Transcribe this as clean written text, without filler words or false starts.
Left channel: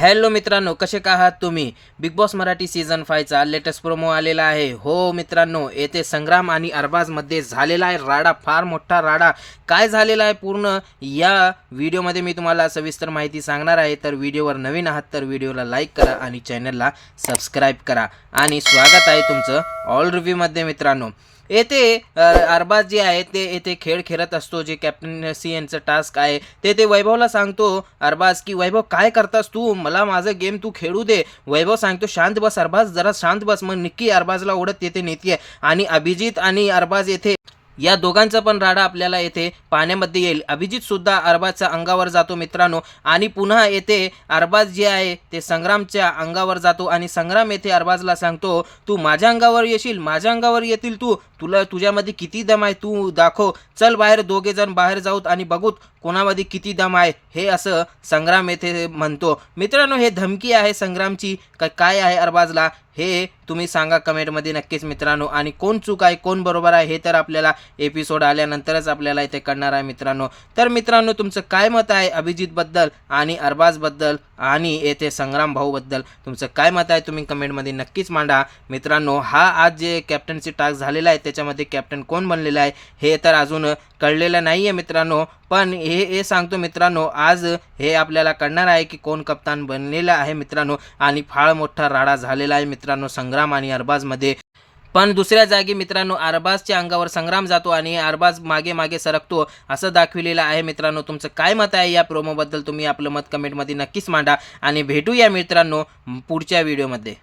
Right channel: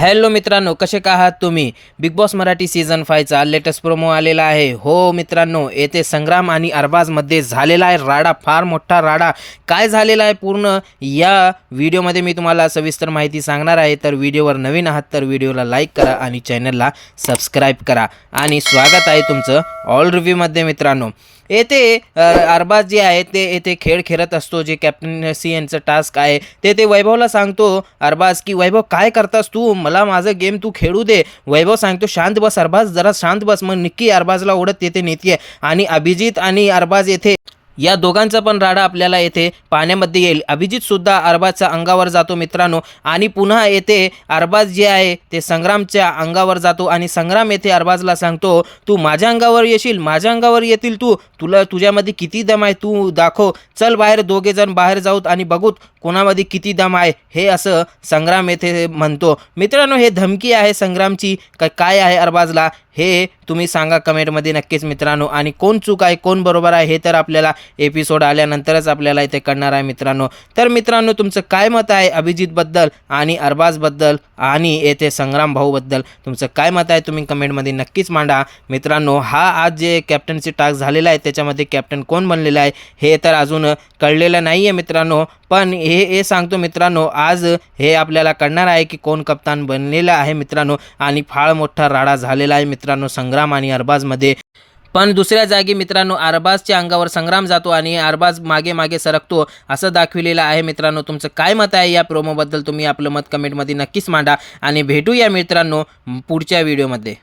Hello मित्रांनो, कसे का आहात तुम्ही? बिग बॉस मराठी सीझन 5चा लेटेस्ट प्रोमो आलेला आहे. हो मित्रांनो, येथे संग्राम आणि अरबाजमध्ये झालेला आहे राडा, फार मोठा राडा. काय झालेला आहे पूर्ण या व्हिडिओमध्ये मी तुम्हाला सविस्तर माहिती सांगणार आहे. तर व्हिडिओवर नवीन आहात तर व्हिडिओला लाईक करा आणि चॅनलला सबस्क्राईब करा. आणि स्वागत आहे तुमचं ऑल रिव्ह्यूमध्ये मित्रांनो. येथे अरबाज जे आहे ते येथे खेळ खेळत असतो. जे कॅप्टन्सी यांचं टास्क आहे ते वैभवला सांगतो अरबाज की वैभव काय करतास तू, मला माझं गेम तू खेळू दे. वैभव सांगतो शांत बस अरबाज, जरा शांत बस. मग निक्की अरबाजला ओढत येते नेते आणि अभिजित आणि अरबाज येथे या दोघांचा पण राडा आपल्याला येथे पाण्यामध्ये येईल. अभिजित सुद्धा अरबाजच्या अंगावर जातो मित्रांनो आणि पुन्हा येथे अरबाज जे आहे ते संग्रामच्या अंगावर जातो आणि संग्राम येथे अरबाजला सांगतो तू माझ्या अंगावर येशील, माझ्या अंगावर येतील तू, तुझ्यामध्ये किती दम आहे तू दाखव. चल बाहेर, दोघे जण बाहेर जाऊत आणि बघूत कोणामध्ये किती दम आहे, हे असं संग्राम येथे म्हणतो. मित्रांनो, हे धमकी आहे संग्रामची काय आहे अरबाजला हे तुम्ही सांगा कमेंटमध्ये नक्कीच मित्रांनो. आणि कोण चूक आहे कोण बरोबर आहे हे तर आपल्याला एपिसोड आल्यानंतरच आपल्याला इथे कळणार आहे मित्रांनो. तर मित्रांनो, तुमचं काय मत आहे अभिजितबद्दल आणि अरबाजबद्दल आणि येथे संग्राम भाऊबद्दल तुमचं काय मत आहे तुम्ही कमेंटमध्ये नक्कीच मांडा मित्रांनो. हा आज जे कॅप्टनची टास्क झालेला आहे त्याच्यामध्ये कॅप्टन कोण बनलेला आहे हे तर अजून कळलेलं नाही आहे मित्रांनो. पण हे सांगतो मित्रांनो, आज हे आपल्याला कळणार आहे की कोण कप्तान बनलेला आहे मित्रांनो. आणि फार मोठा राडा झालेला आहे मित्रांनो संग्राम आणि अरबाजमध्ये. पण दुसऱ्या जागी मित्रांनो अरबाजच्या अंगावर संग्राम जातो आणि अरबाज मागे मागे सरकतो असं दाखविलेलं आहे मित्रांनो. तुमचं काय मत आहे या प्रोमोबद्दल तुम्ही आपलं मत कमेंटमध्ये नक्कीच मांडा आणि भेटूया मित्रांनो पुढच्या व्हिडिओमध्ये.